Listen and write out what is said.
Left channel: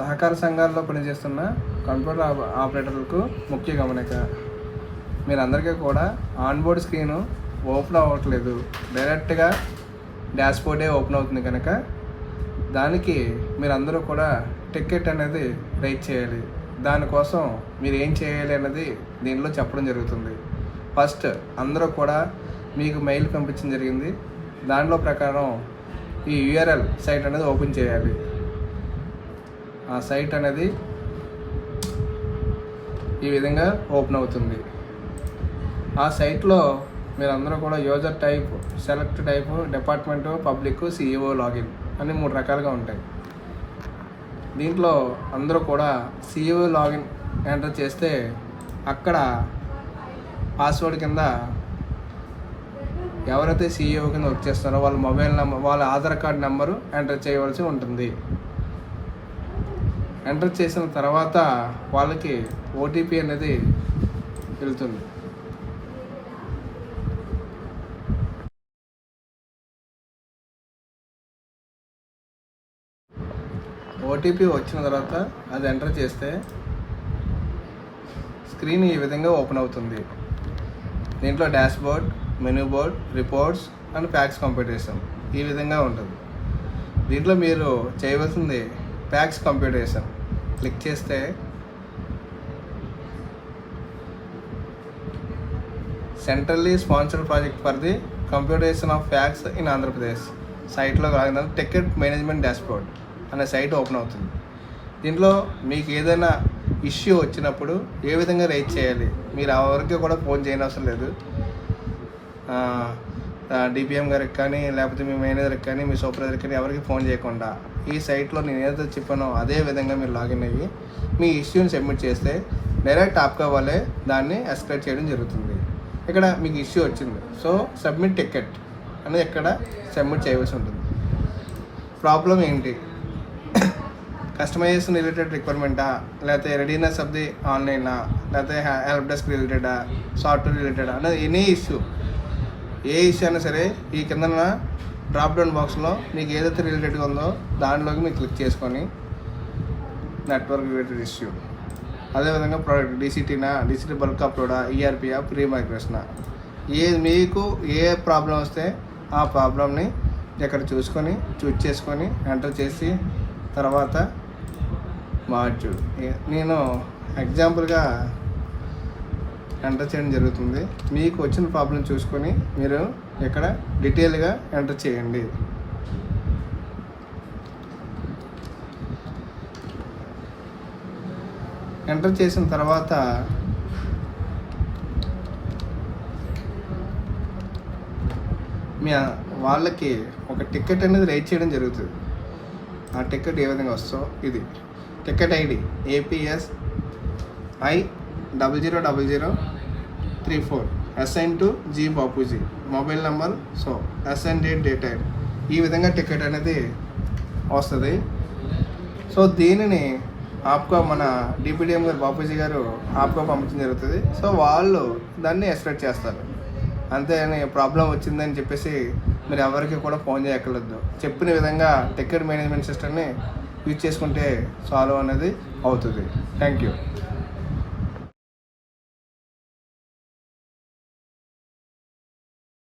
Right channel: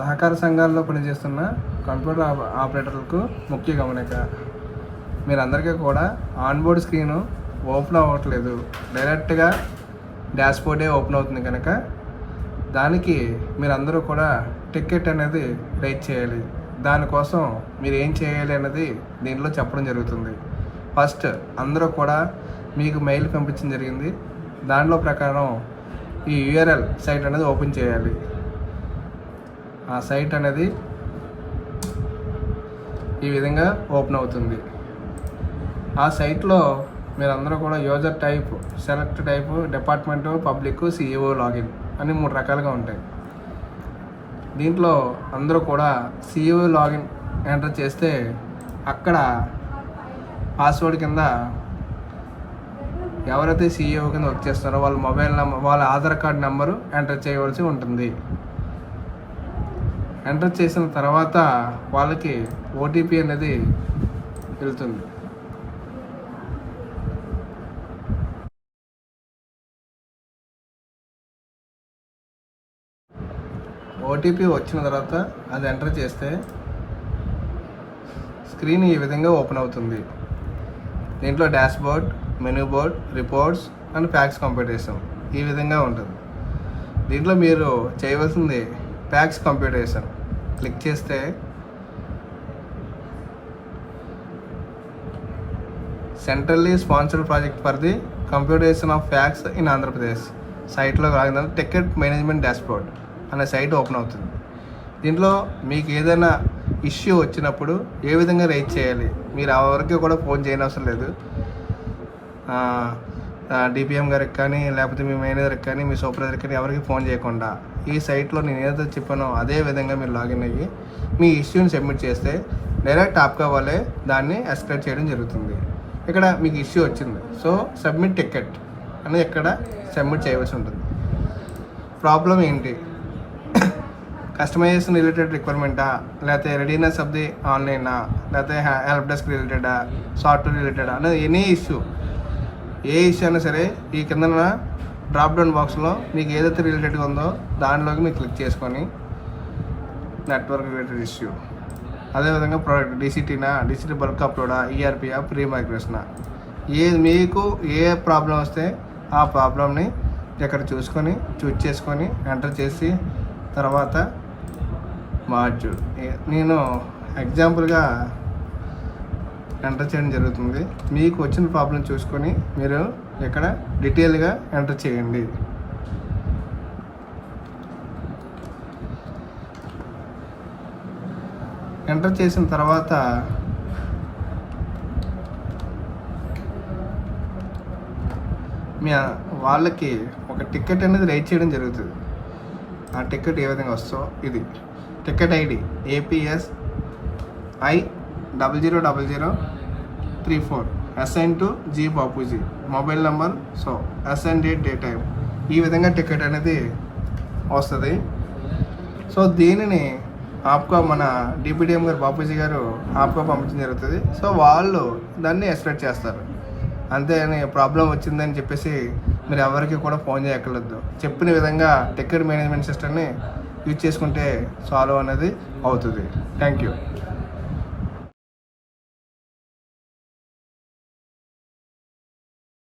సహకార సంఘాల్లో పనిచేస్తున్న కంప్యూటర్ ఆపరేటర్లకు ముఖ్య గమనిక. మీరందరికీ కూడా ఆన్బోర్డ్ స్క్రీన్ ఓపెన్ అవ్వట్లేదు, డైరెక్ట్గా డాష్బోర్డే ఓపెన్ అవుతుంది కనుక దానికి మీరందరూ కూడా టికెట్ అనేది రైట్ చేయాలి. దానికోసం మీరు ఏం చేయాలి అనేది దీనిలో చెప్పడం జరుగుతుంది. ఫస్ట్ అందరూ కూడా మీకు మెయిల్ పంపించడం జరిగింది. దానిలో ప్రకారం ఈ యూఆర్ఎల్ సైట్ అనేది ఓపెన్ చేయాలి. ఆ సైట్ అనేది ఈ విధంగా ఓపెన్ అవుతుంది. ఆ సైట్లో మీరందరూ కూడా user type, select type, department, public, CEO login అని 3 రకాలుగా ఉంటాయి. దీంట్లో అందరూ కూడా సిఇఓ లాగిన్ ఎంటర్ చేస్తే అక్కడ పాస్వర్డ్ కింద ఎవరైతే సిఇఓ కింద వర్క్ చేస్తారో వాళ్ళ మొబైల్ నెంబర్, వాళ్ళ ఆధార్ కార్డ్ నెంబరు ఎంటర్ చేయవలసి ఉంటుంది. ఎంటర్ చేసిన తర్వాత వాళ్ళకి ఓటీపీ అనేది వెళ్తుంది. ఓటీపీ వచ్చిన తర్వాత అది ఎంటర్ చేస్తే స్క్రీన్ ఈ విధంగా ఓపెన్ అవుతుంది. దీంట్లో dashboard, menu board, reports and facts computation ఈ విధంగా ఉంటుంది. దీంట్లో మీరు చేయవలసింది ఫ్యాక్స్ కంప్యూటేషన్ క్లిక్ చేస్తే centrally sponsored project for the computation of facts in Andhra Pradesh సైట్లో రాగానే టికెట్ మేనేజ్మెంట్ డాష్బోర్డ్ అనే సైట్ ఓపెన్ అవుతుంది. దీంట్లో మీకు ఏదైనా ఇష్యూ వచ్చినప్పుడు ఏ విధంగా రైజ్ చేయాలి, మీరు ఆ వరకు కూడా ఫోన్ చేయనవసరం లేదు. డిపిఎం గారికి కానీ, లేకపోతే మీ మేనేజర్కి కానీ, మీ సూపర్వైజర్కి కానీ ఎవరికి ఫోన్ చేయకుండా ఈ సైట్లో నేను ఏదైతే చెప్పానో అదే విధంగా మీరు లాగిన్ అయ్యి మీ ఇష్యూని సబ్మిట్ చేస్తే డైరెక్ట్ టాప్గా వాళ్ళే దాన్ని ఎస్కలేట్ చేయడం జరుగుతుంది. ఇక్కడ మీకు ఇష్యూ వచ్చింది, సో సబ్మిట్ టికెట్ అనేది ఇక్కడ సబ్మిట్ చేయవలసి ఉంటుంది. ప్రాబ్లం ఏంటి, కస్టమైజేషన్ రిలేటెడ్ రిక్వైర్మెంటా, లేకపోతే రెడీనెస్ ఆఫ్ ది ఆన్లైనా, లేకపోతే హెల్ప్ డెస్క్ రిలేటెడా, సాఫ్ట్వేర్ రిలేటెడా అనేది ఎనీ ఇష్యూ, ఏ ఇష్యూ అయినా సరే ఈ కింద డ్రాప్ డౌన్ బాక్స్లో మీకు ఏదైతే రిలేటెడ్గా ఉందో దాంట్లోకి మీరు క్లిక్ చేసుకొని నెట్వర్క్ రిలేటెడ్ ఇష్యూ, అదేవిధంగా ప్రోడక్ట్ డిసిటీనా, డిసిటీ బల్క్ అప్లోడా, ఈఆర్పియా, ప్రీ మైగ్రేషనా, మీకు ఏ ప్రాబ్లం వస్తే ఆ ప్రాబ్లమ్ని ఇక్కడ చూస్ చేసుకొని ఎంటర్ చేసి తర్వాత మాడ్యూల్ నేను ఎగ్జాంపుల్గా ఎంటర్ చేయడం జరుగుతుంది. మీకు వచ్చిన ప్రాబ్లం చూసుకొని మీరు ఇక్కడ డీటెయిల్గా ఎంటర్ చేయండి. ఎంటర్ చేసిన తర్వాత వాళ్ళకి ఒక టికెట్ అనేది రైట్ చేయడం జరుగుతుంది. ఆ టికెట్ ఏ విధంగా వస్తుందో ఇది ticket ID APS I000034 assign to G Bapuji, mobile number, so assign date, day time, ఈ విధంగా టికెట్ అనేది వస్తుంది. సో దీనిని ఆప్కో మన డిపిడిఎం గారు బాపూజీ గారు ఆప్కో పంపించడం జరుగుతుంది. సో వాళ్ళు దాన్ని ఎస్కలేట్ చేస్తారు. అంతే అని ప్రాబ్లం వచ్చిందని చెప్పేసి మీరు ఎవరికి కూడా ఫోన్ చేయక్కర్లేదు. చెప్పిన విధంగా టికెట్ మేనేజ్మెంట్ సిస్టమ్ని యూజ్ చేసుకుంటే సాల్వ్ అనేది అవుతుంది. Thank you.